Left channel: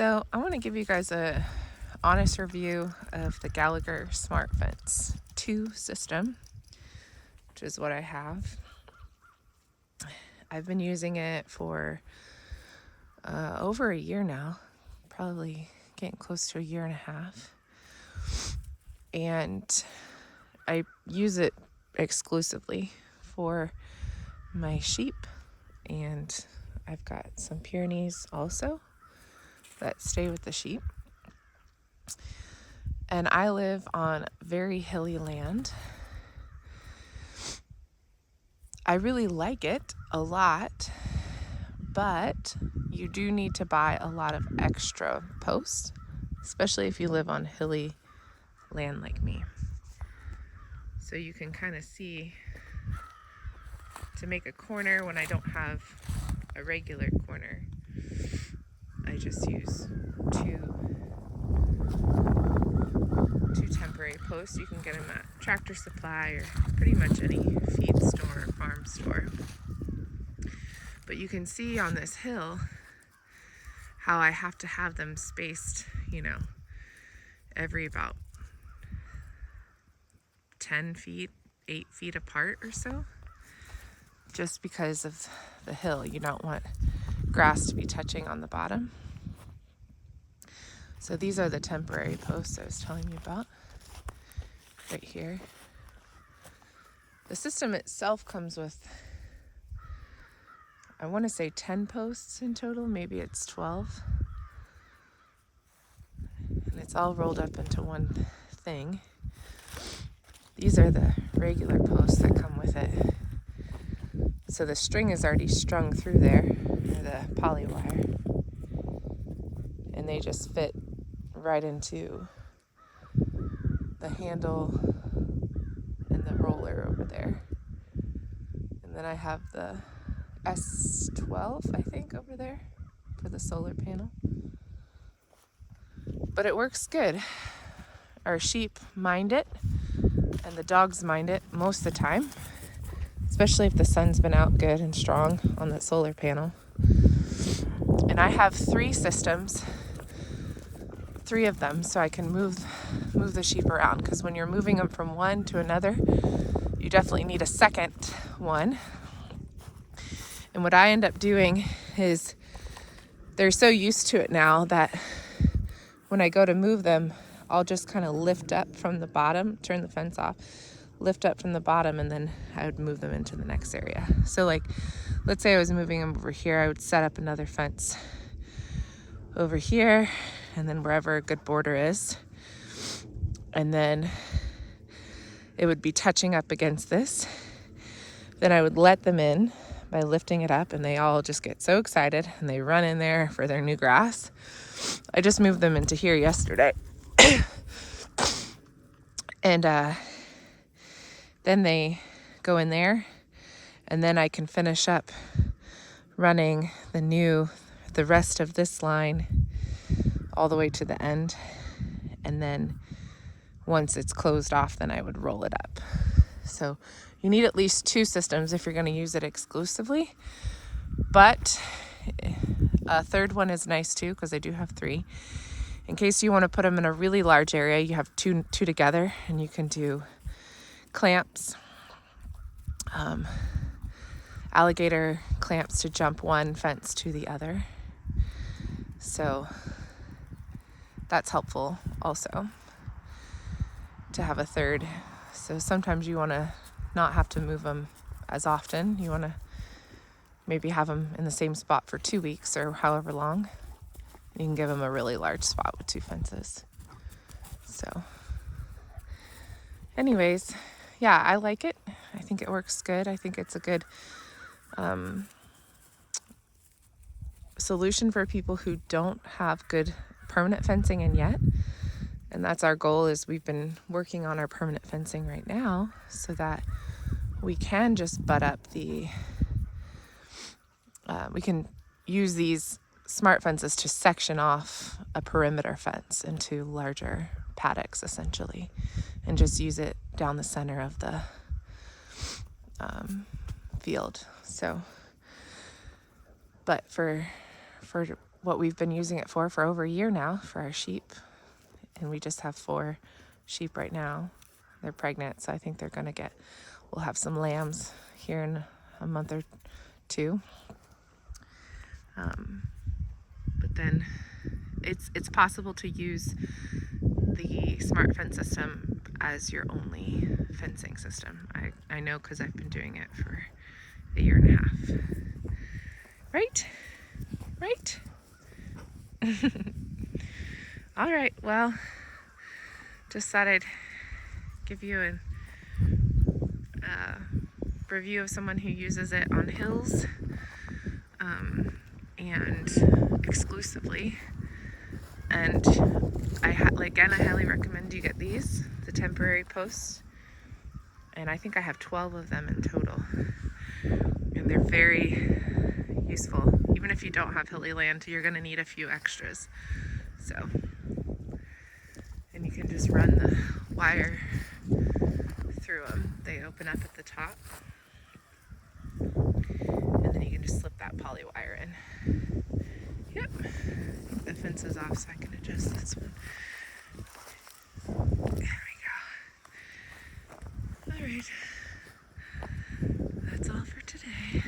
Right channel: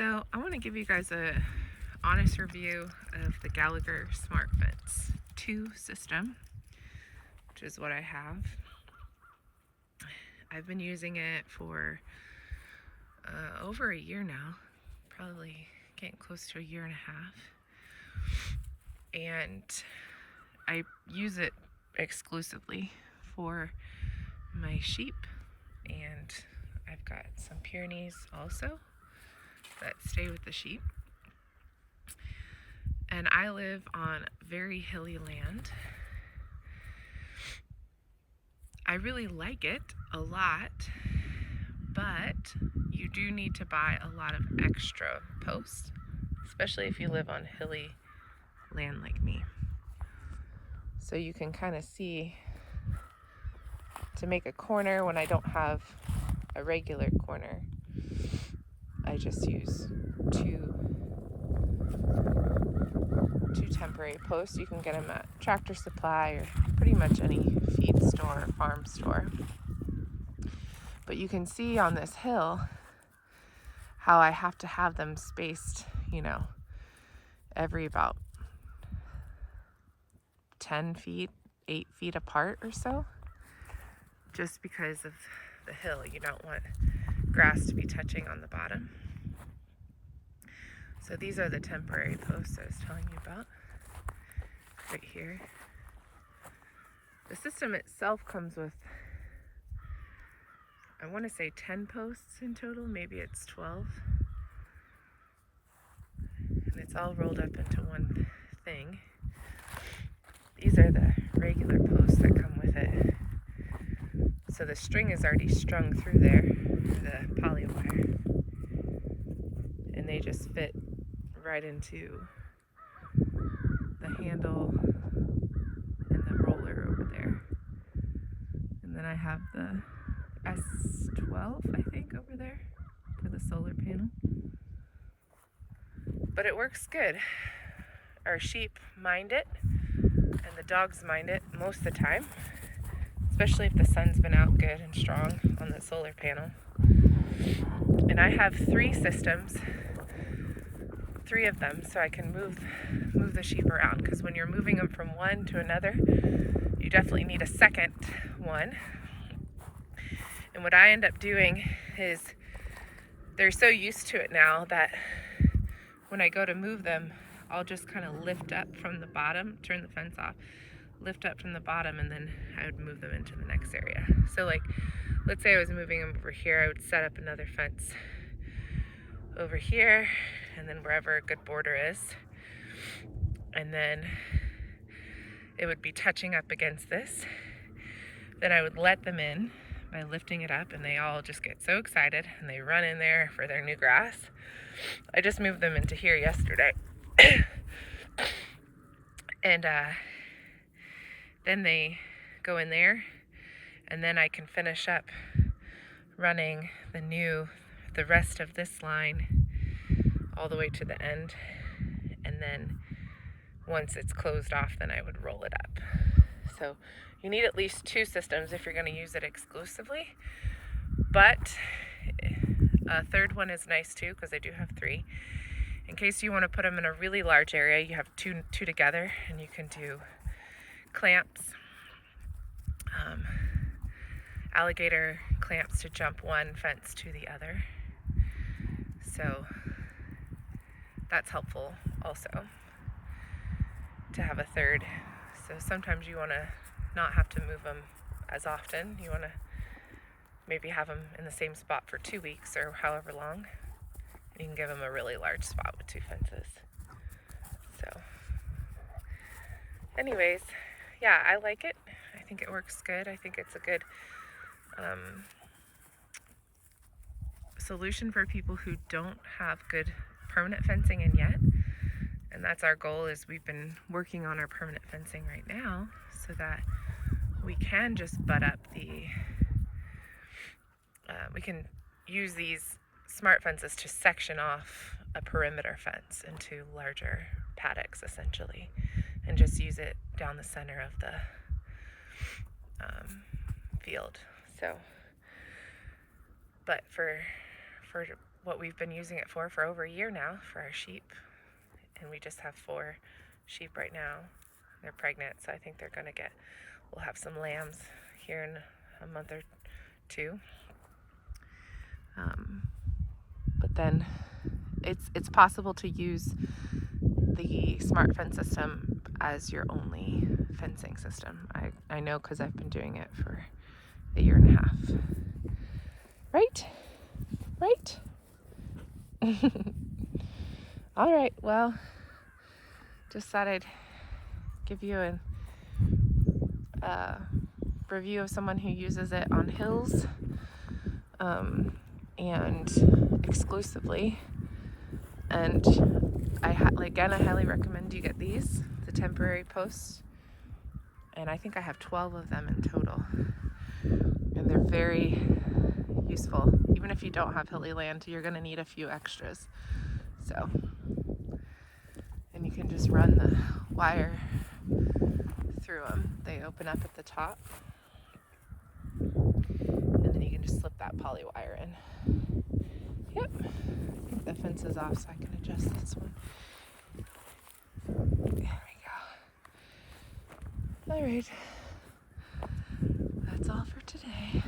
So I want to give you guys a honest review of the Gallagher Smart Fence 2 system, which is what I have. I've been using it for over a year now, probably getting close to a year and a half. And I use it exclusively for my sheep, and I've got some Pyrenees also that stay with the sheep. And I live on very hilly land. I really like it a lot, but you do need to buy a lot of extra posts, especially if you live on hilly land like me. So you can kind of see, to make a corner when I don't have a regular corner, I just use two temporary posts. You can get them at Tractor Supply or pretty much any feed store or farm store. But you can see on this hill how I have to have them spaced, every about 10 feet, 8 feet apart or so, just because of the hill. You don't want grass to be touching on the bottom. So these are the temporary posts I was telling you about right here. The system itself comes with, I want to say 10 posts in total, maybe it's 12. And it's all rolled up into one thing. These are the regular posts that come with it. So the string is already strung through there, the poly wire. And they just fit right into the handle and the roller over there. And then I have the S12, I think, over there for the solar panel. But it works good. Our sheep mind it, and the dogs mind it most of the time, especially if the sun's been out good and strong on that solar panel. And I have 3 systems, 3 of them, so I can move the sheep around, because when you're moving them from one to another, you definitely need a second one. And what I end up doing is, they're so used to it now that when I go to move them, I'll just kind of lift up from the bottom, turn the fence off, lift up from the bottom, and then I would move them into the next area. So like, let's say I was moving them over here, I would set up another fence over here, and then wherever a good border is. And then it would be touching up against this. Then I would let them in by lifting it up, and they all just get so excited and they run in there for their new grass. I just moved them into here yesterday. And then they go in there, and then I can finish up running the rest of this line all the way to the end. And then once it's closed off, then I would roll it up. So you need at least 2 systems if you're going to use it exclusively. But a third one is nice too, because I do have 3. In case you want to put them in a really large area, you have two together, and you can do clamps, alligator clamps to jump one fence to the other. So that's helpful also, to have a third. So sometimes you want to not have to move them as often. You want to maybe have them in the same spot for 2 weeks or however long. You can give them a really large spot with 2 fences. So anyways, yeah, I like it. I think it works good. I think it's a good solution for people who don't have good permanent fencing in yet. And that's our goal, is we've been working on our permanent fencing right now so that we can just butt up we can use these smart fences to section off a perimeter fence into larger paddocks, essentially, and just use it down the center of the field. So, but for what we've been using it for over a year now for our sheep. And we just have 4 sheep right now. They're pregnant, so I think they're gonna we'll have some lambs here in a month or 2. But then it's possible to use the smart fence system as your only fencing system. I know because I've been doing it for a year and a half. Right? Right? All right, well, just thought I'd give you a review of someone who uses it on hills and exclusively. And again, I highly recommend you get these, the temporary posts. And I think I have 12 of them in total. And they're very useful. Even if you don't have hilly land, you're gonna need a few extras. So, and you can just run the wire through them. They open up at the top. And then you can just slip that poly wire in. Yep. The fence is off, so I can adjust this one. There we go. All right. That's all for today.